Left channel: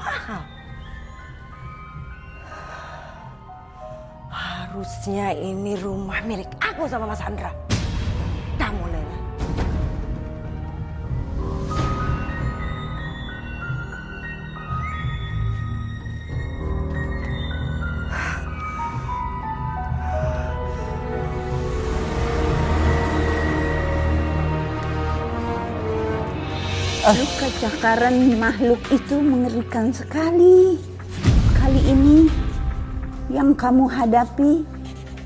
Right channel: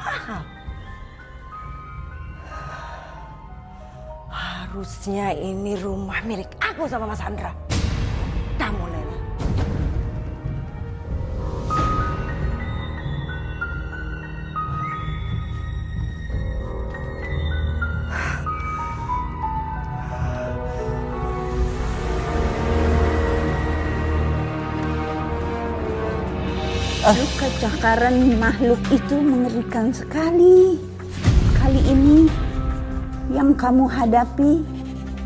mahal. Harusnya ini rumah milik aku sama Mas Andra. Kamu Lela. Luka cakaran makhluk itu mengerikan sekali. Kali ini yang kamu hadapi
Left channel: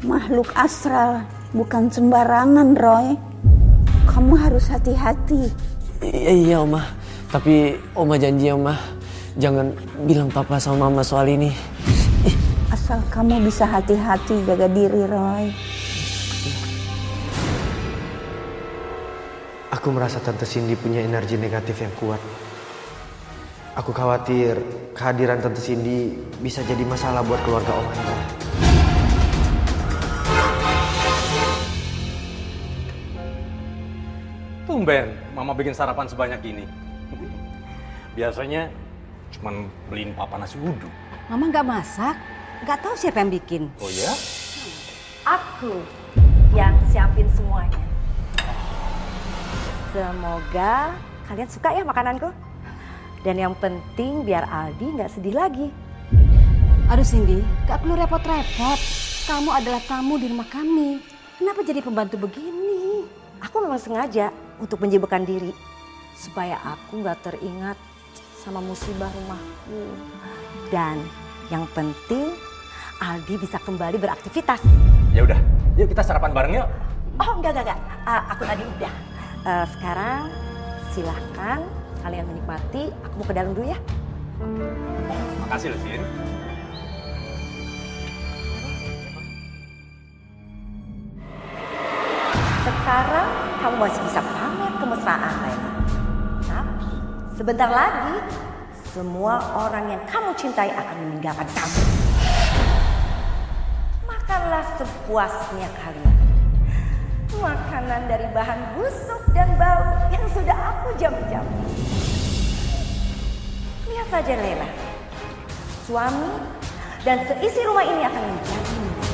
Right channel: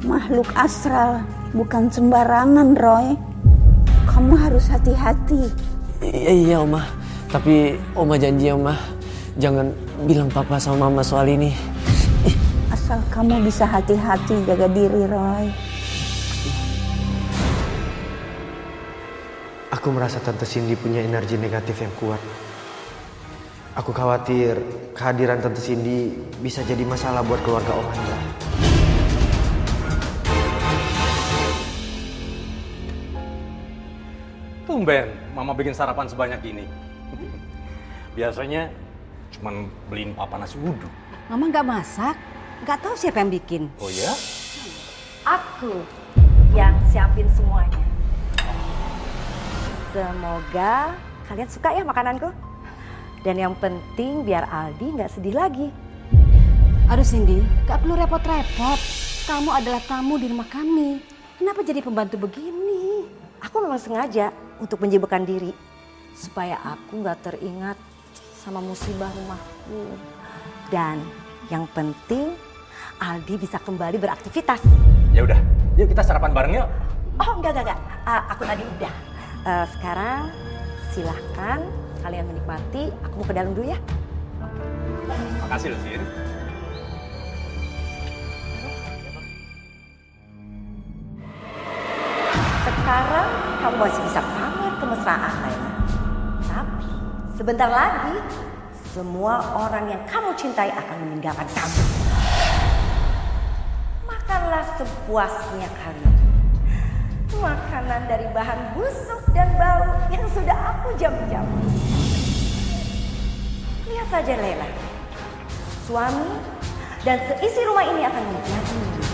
makhluk astral, bukan sembarangan, Roy. Kamu harus hati-hati. Iya Oma, tapi Oma janji Oma, jangan bilang papa sama mama soal ini. Asal kamu bisa hati-hati, jaga diri, Roy. Aku merasa Tante Cindy punya energi negatif yang kuat. Aku khawatir kehadiran Tante Cindy bisa jadi masalah buat keluarga Om Andra. Tumben, Mama bikin sarapan sebanyak ini. Biasanya cuman beliin papa nasi uduk. Mama nggak masak, nggak tahu siapa yang bikin. Oh ya? Aku yang siapin semuanya. Semoga kalian suka ya makananku. Dan yang penting biar Aldi nggak sedih lagi. Aduh Cindy, nggak perlu repot-repot. Kamu adalah tamu di rumah kami. Kenapa jadi pembantu begini? Aku memang sengaja untuk menyibukkan diri. Supaya aku nggak teringat sama musibah rumahku. Dan yang penting Aldi bisa kembali beraktivitas. Ya udah, yuk kita sarapan bareng yuk. Oh enggak. Aku tadi udah. Sekarang silahkan kalian menikmati. Aku mau ke dalam dulu ya. Makasih loh, Sin. Sekarang kamu masih bisa pamer kemesraan, Layla. Tapi sebentar lagi semua orang yang kamu cintai akan meninggalkan kamu. Makanlah sepuasnya kalian. Makanan dari bahan busuk dan bau yang sudah aku jamin-jamin. Lihat saja Lela, suami dan seisi rumah ini akan menjadi milik.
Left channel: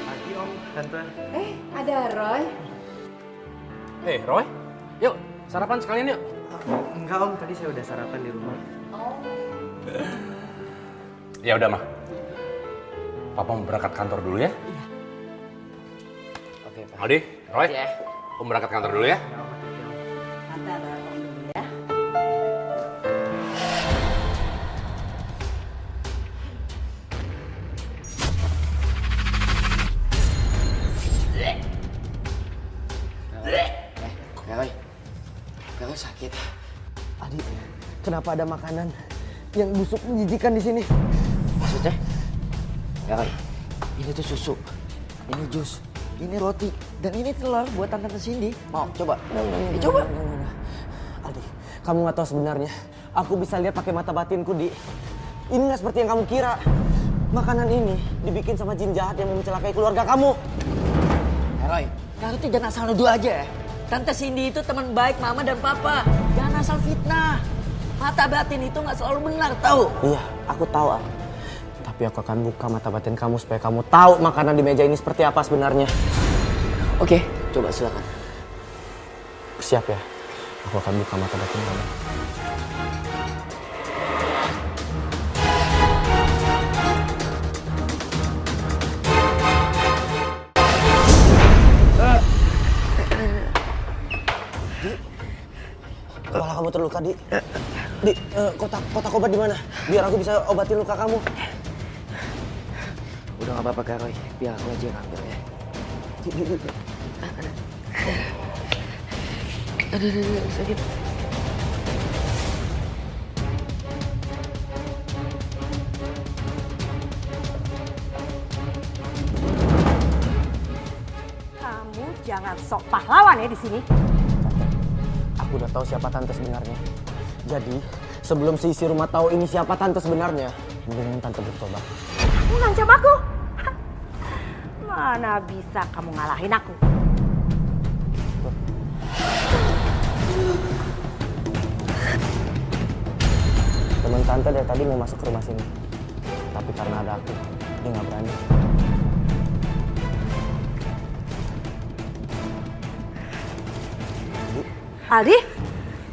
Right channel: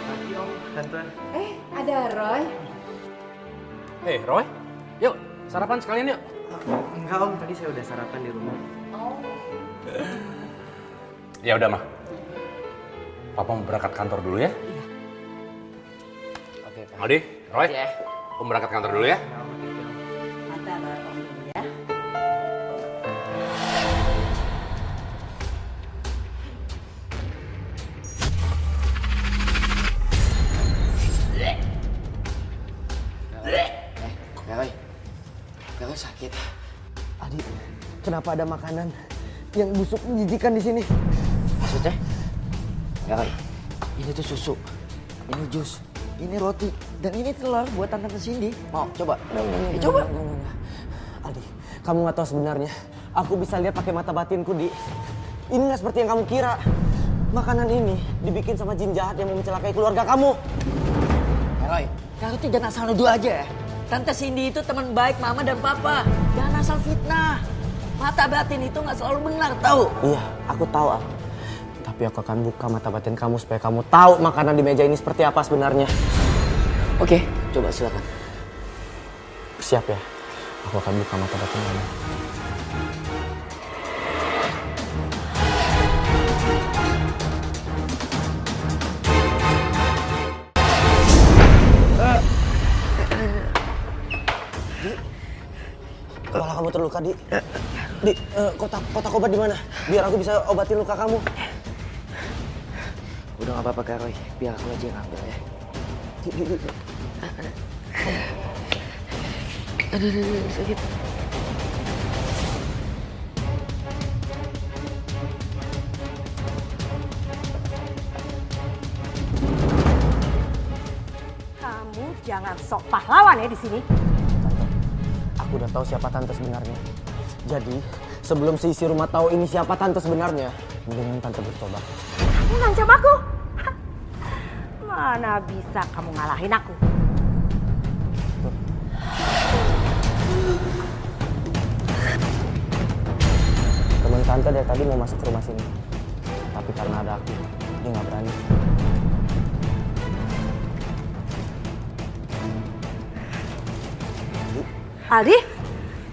Pagi Om, Tante. Ada Roy. Roy, yuk sarapan sekalian yuk. Enggak Om, tadi saya udah sarapan di rumah. Ya udah mah. Papa mau berangkat kantor dulu ya. Iya. Oke Pak. Aldi, Roy, Ya. Om berangkat kantor dulu ya. Tante bareng dulu ya. Roy sakit. Adi, kenapa ada makanan yang busuk menjijikan di sini? Maksudnya? Ya Roy, ini tuh susu, ini jus, ini roti, dan ini telur buat Tante Cindy. Mau coba? Coba. Adi, kamu nggak tahu sebenarnya. Aku bisa lihat pakai mata batinku, Di. Ini nggak seperti yang kamu kira. Makanan ini dibikin sama jin jahat yang mau mencelakai keluarga kamu. Roy, kamu tuh jangan asal nuduh aja ya. Tante Cindy itu teman baik Mama dan Papa. Jangan asal fitnah. Mata batin itu nggak selalu benar, tahu? Iya, aku tahu, Al. Tapi aku akan buka mata batin kamu supaya kamu tahu makanan di meja ini seperti apa sebenarnya. Oke, coba silakan. Siap ya? Aku akan buka mata batin kamu. Kepala kamu terluka, Di. Di, kotak obat di mana? Biar aku bisa obatin luka kamu. Udah nggak apa-apa Kak Roy, biar aku aja yang ambil ya. Di. Aduh, sakit. Kamu jangan sok pahlawan ya di sini. Aku udah tahu siapa Tante sebenarnya. Jadi, sebelum seisi rumah tahu ini siapa Tante sebenarnya, mendingan Tante bertobat. Kamu ngancam aku? Hah? Mana bisa kamu ngalahin aku? tante dari tadi mau masuk ke rumah sini. Tapi karena ada aku, dia nggak berani. Aldi,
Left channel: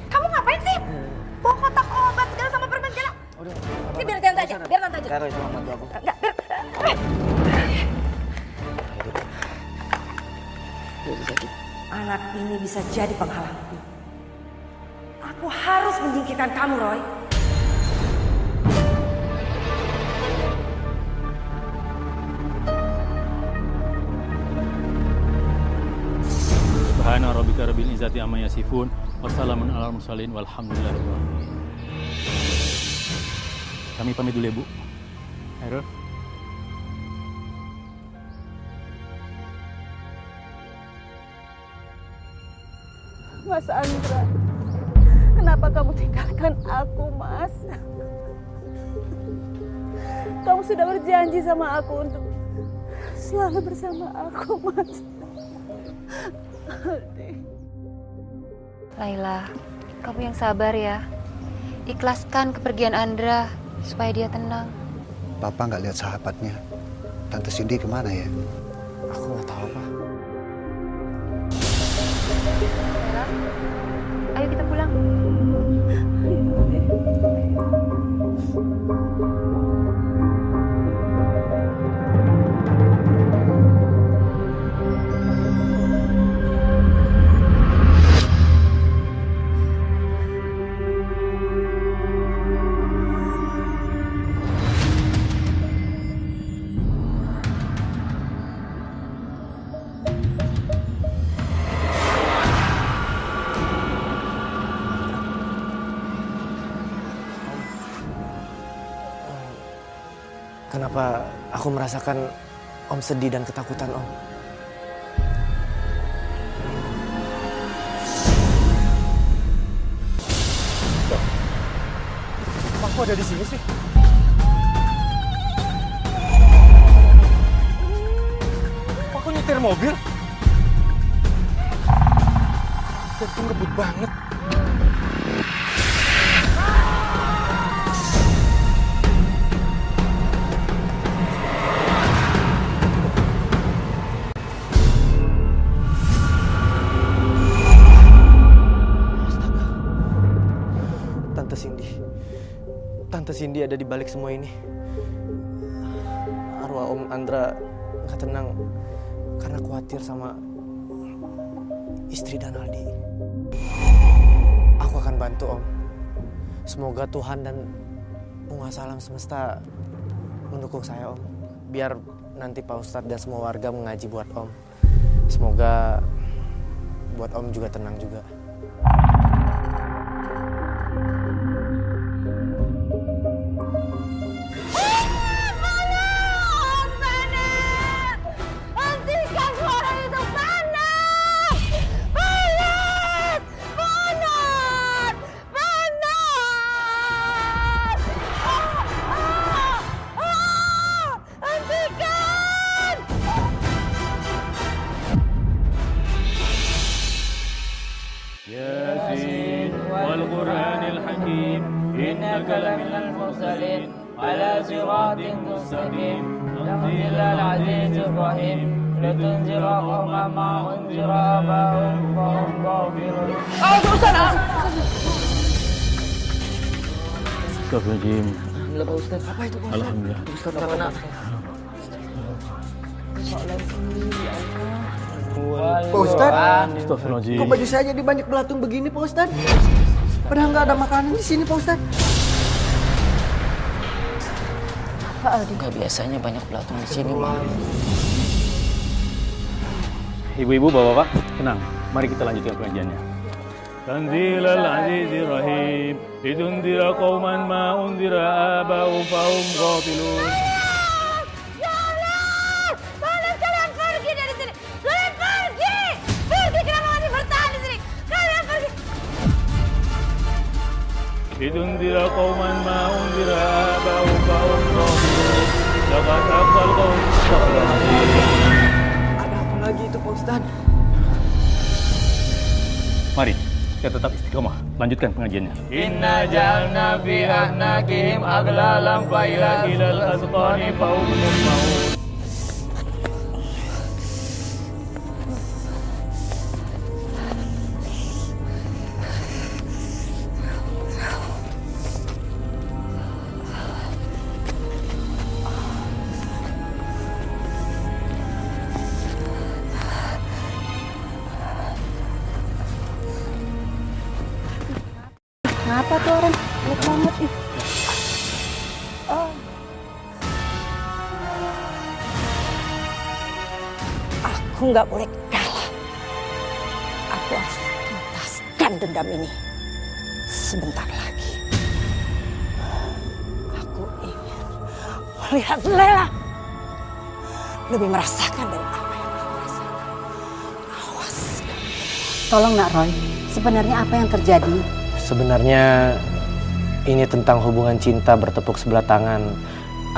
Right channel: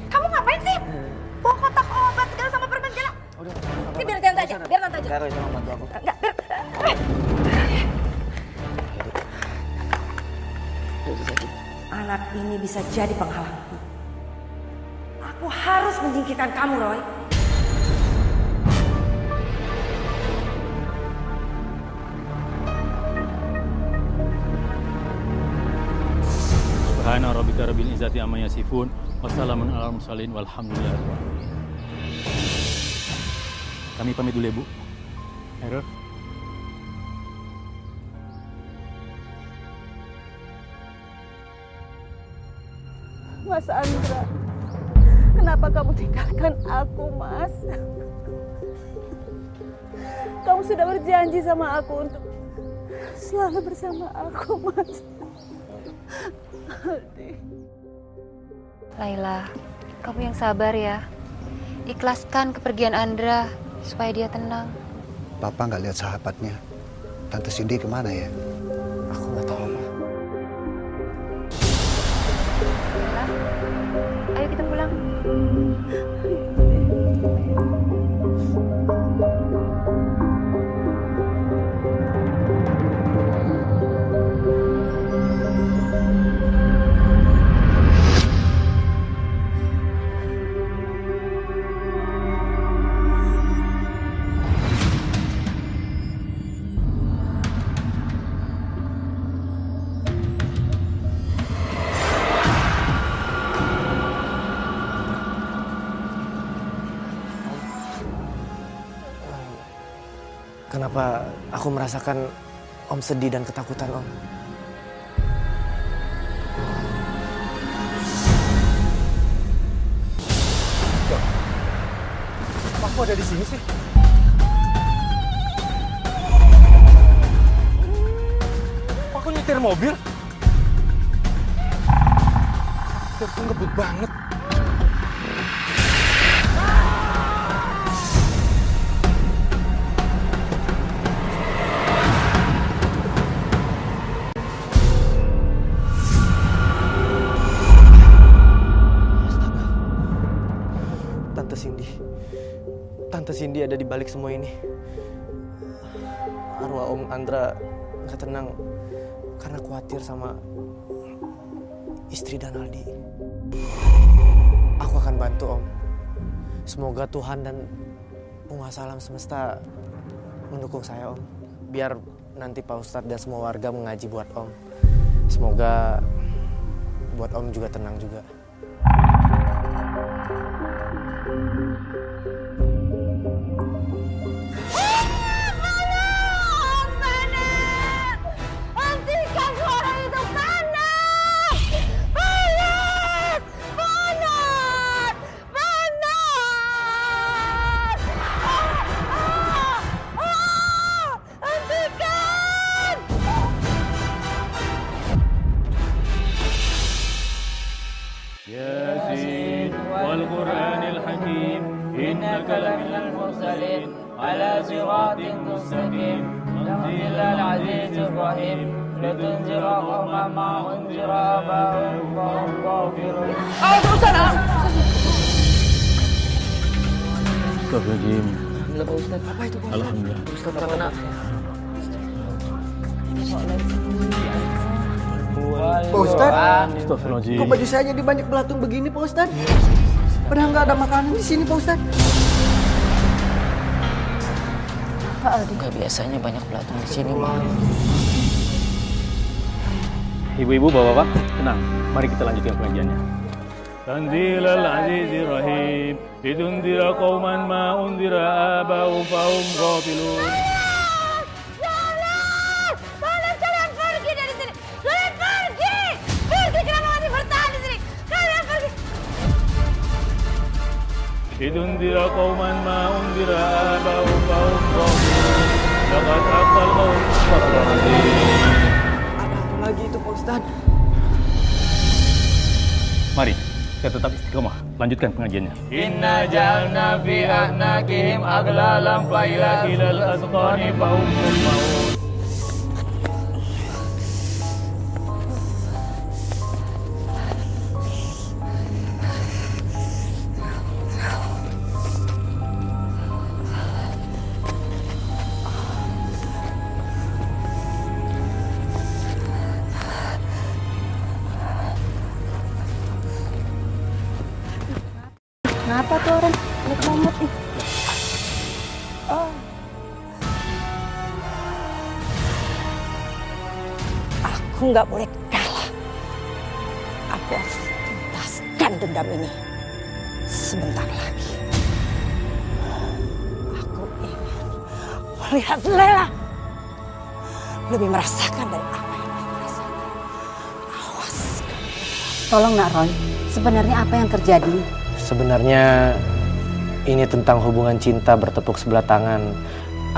kamu ngapain sih? Bawa kotak obat segala sama permen segala. Udah, Ini biar tante aja, biar tante aja. Kak Roy, tolong bantu aku. Enggak, biar. Anak ini bisa jadi penghalangku. Aku harus menyingkirkan kamu, Roy. Subhana rabbika rabbil izzati amma yasifun wassalamun alal mursalin walhamdulillahirabbil alamin. Kami pamit dulu ya, Bu. Hero. Mas Andra, kenapa kamu tinggalkan aku, Mas? Kamu sudah berjanji sama aku untuk selalu bersama aku, Mas. Laila, kamu yang sabar ya. Ikhlaskan kepergian Andra supaya dia tenang. Papa nggak lihat sahabatnya. Tante Cindy kemana ya? Aku nggak tahu, Pak. Laila, ayo kita pulang. Kenapa aku merasakan Om sedih dan ketakutan, Om? Kok aku ada di sini sih? Kok aku nyetir mobil? Nyetir tuh ngebut banget. Tante Cindy ada di balik semua ini. Arwah Om Andra nggak tenang karena khawatir sama istri dan Aldi. Aku akan bantu, Om. Semoga Tuhan dan penguasa alam semesta mendukung saya, Om. Biar nanti Pak Ustadz dan semua warga mengaji buat Om. Semoga buat Om juga tenang juga. Yasin wal Qur'anil Hakim innaka laminal mursalin ala siratin mustaqim tanzilal azizir rahim litunzira qauman ma unzira abahum wa hum ghafilun. Astagfirullahaladzim. Alhamdulillah Pak Ustadz. Apa itu Pak Ustadz? Alhamdulillah. Pak Ustadz tak kena. Pak Ustadz, Astagfirullahaladzim. kok baju saya jadi banyak belatung begini, Pak Ustadz? Padahal nggak ada makanan di sini, Pak Ustadz. Enggak biasanya banyak belatung di sini, Pak. Ibu-ibu, bapak-bapak, tenang. Mari kita lanjutkan pengajiannya. Tanzilal azizir rahim litunzira qauman ma unzira abahum fahum ghafilun. Kalian pergi dari sini. Kalian pergi. Pergi, kenapa masih bertahan di sini? Kalian pergi. litunzira qauman ma unzira abahum fahum ghafilun. Laqad haqqal qaul. Astagfirullahaladzim. Ada apa lagi itu, Pak Ustadz? Mari, kita tetap istiqomah. Lanjutkan pengajiannya. Inna ja'alna fi a'naqihim aglalan fa ilal asqani fa hum muqmaun. Kenapa tuh orang lemot banget ih? Aku nggak boleh kalah. Aku harus tuntaskan dendam ini. Sebentar lagi. Aku ingin melihat Lela lebih merasakan dari apa yang aku rasakan. Awas kamu. Tolong Nak Roy, sebenarnya apa yang terjadi? Sebenarnya ini tentang hubungan cinta bertepuk sebelah tangan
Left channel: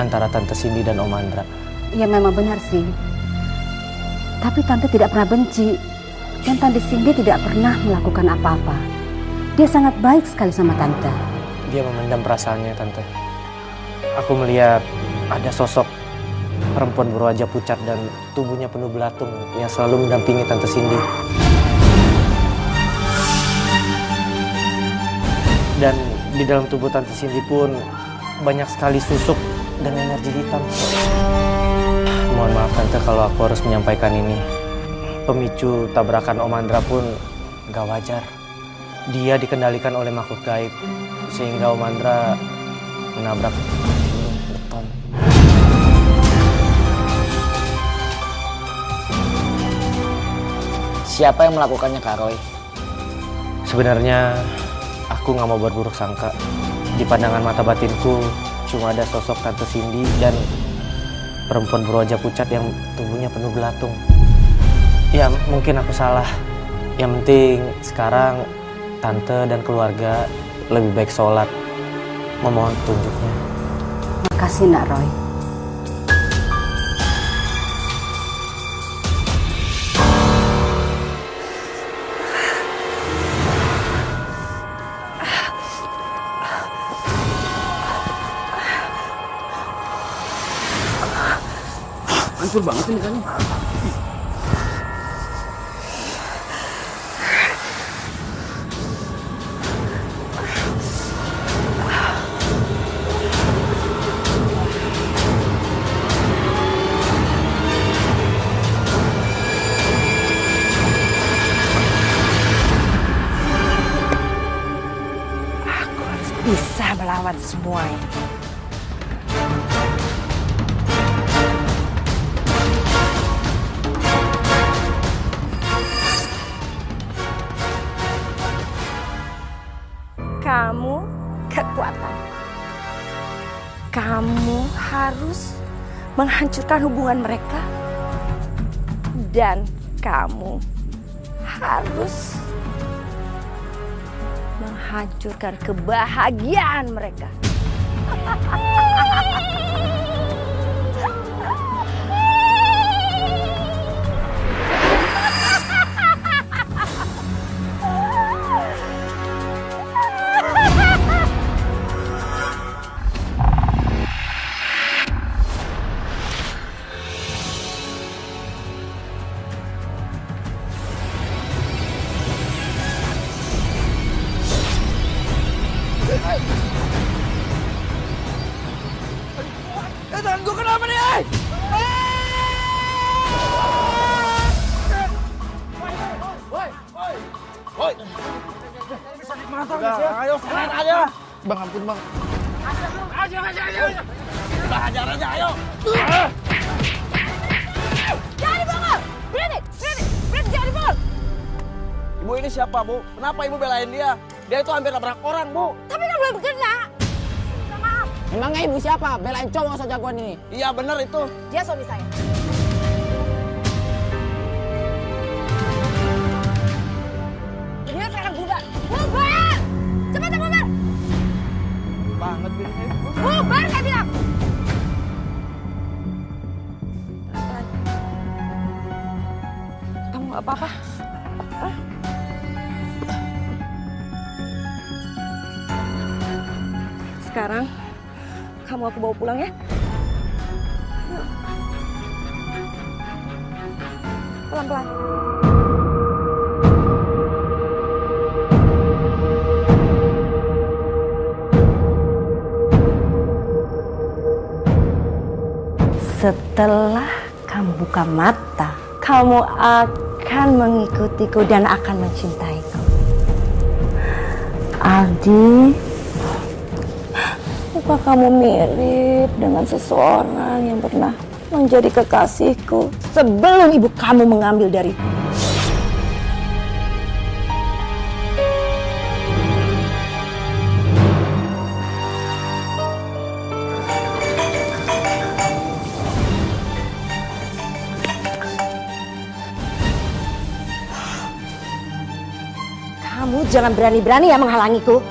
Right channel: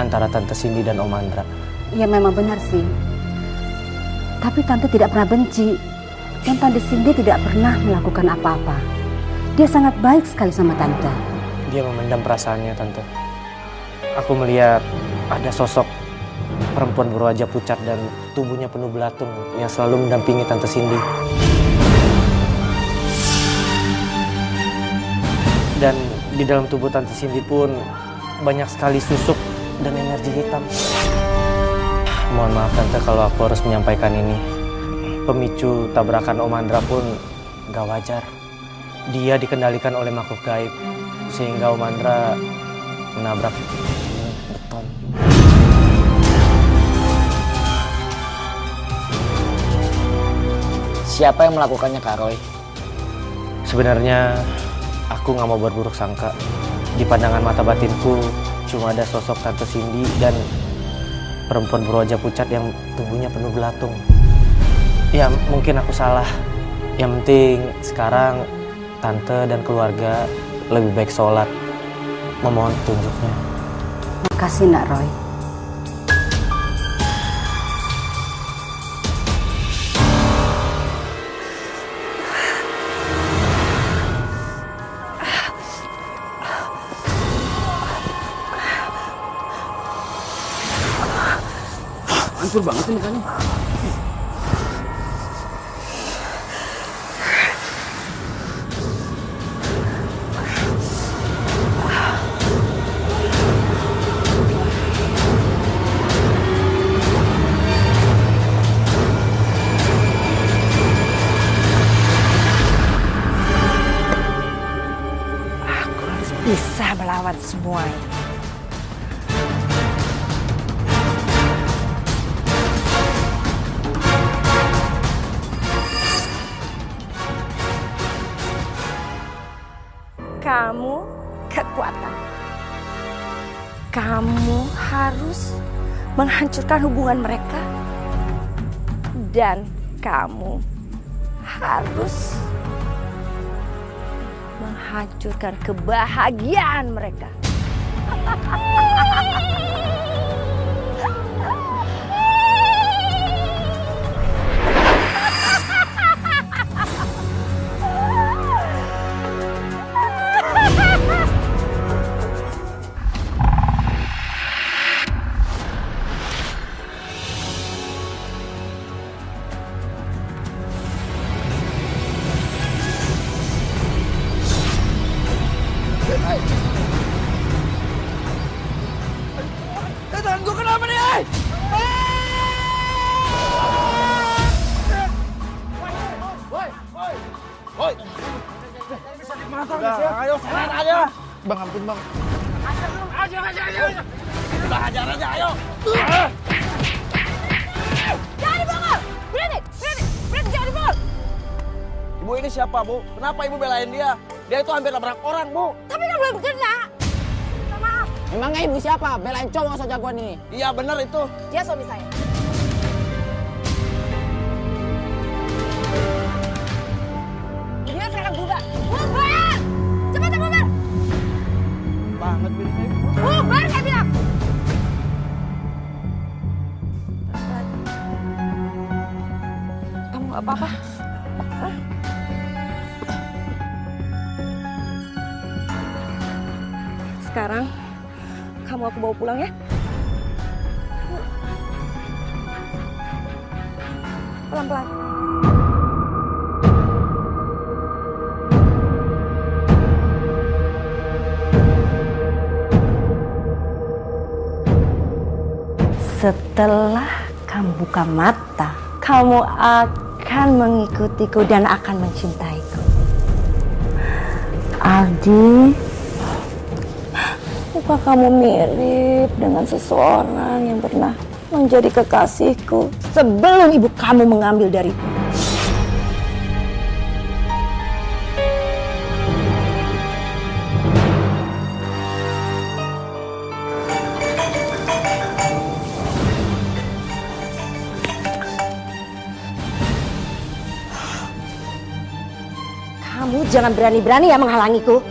antara Tante Cindy dan Om Andra. Ya memang benar sih. Tapi Tante tidak pernah benci. Dan Tante Cindy tidak pernah melakukan apa-apa. Dia sangat baik sekali sama Tante. Dia memendam perasaannya, Tante. Aku melihat ada sosok perempuan berwajah pucat dan tubuhnya penuh belatung yang selalu mendampingi Tante Cindy. Dan di dalam tubuh Tante Cindy pun banyak sekali susuk dan energi hitam. Mohon maaf Tante kalau aku harus menyampaikan ini. Pemicu tabrakan Om Andra pun gak wajar. Dia dikendalikan oleh makhluk gaib sehingga Om Andra menabrak dinding beton. Siapa yang melakukannya, Kak Roy? Sebenarnya aku gak mau berburuk sangka. Di pandangan mata batinku cuma ada sosok Tante Cindy dan perempuan berwajah pucat yang tubuhnya penuh belatung. Ya mungkin aku salah. Yang penting sekarang Tante dan keluarga lebih baik sholat. Memohon petunjuknya. Makasih Nak Roy. Hancur banget sih mukanya. Aku harus bisa melawan semua ini. Kamu kekuatanku. Kamu harus menghancurkan hubungan mereka. Dan kamu harus menghancurkan kebahagiaan mereka. Tangan gue kenapa nih? Woi. Bisa dimantau guys ya. Ayo serang aja. Bang ampun bang. Ajar. Bang ajar aja ayo. Jangan dibongkar! Berhenti jangan dibongkar! Ibu ini siapa bu? Kenapa ibu belain dia? Dia itu hampir nabrak orang bu. Tapi kan belum kena. Minta maaf. Emangnya ibu siapa? Belain cowok sejagoan ini. Iya benar itu. Dia suami saya. Dia sekarang bubar. Bubar! Cepetan bubar! Banget ini. Bubar saya bilang! Kamu gak apa-apa? Sekarang kamu aku bawa pulang ya. Yuk. Pelan-pelan. Setelah kamu buka mata, kamu akan mengikutiku dan akan mencintaiku. Aldi, muka kamu mirip dengan seseorang yang pernah menjadi kekasihku sebelum ibu kamu mengambil dariku. Kamu jangan berani-berani ya menghalangiku,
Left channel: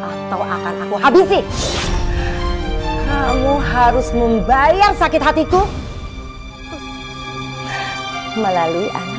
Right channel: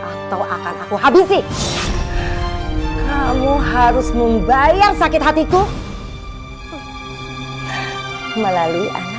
atau akan aku habisi. Kamu harus membayar sakit hatiku melalui anak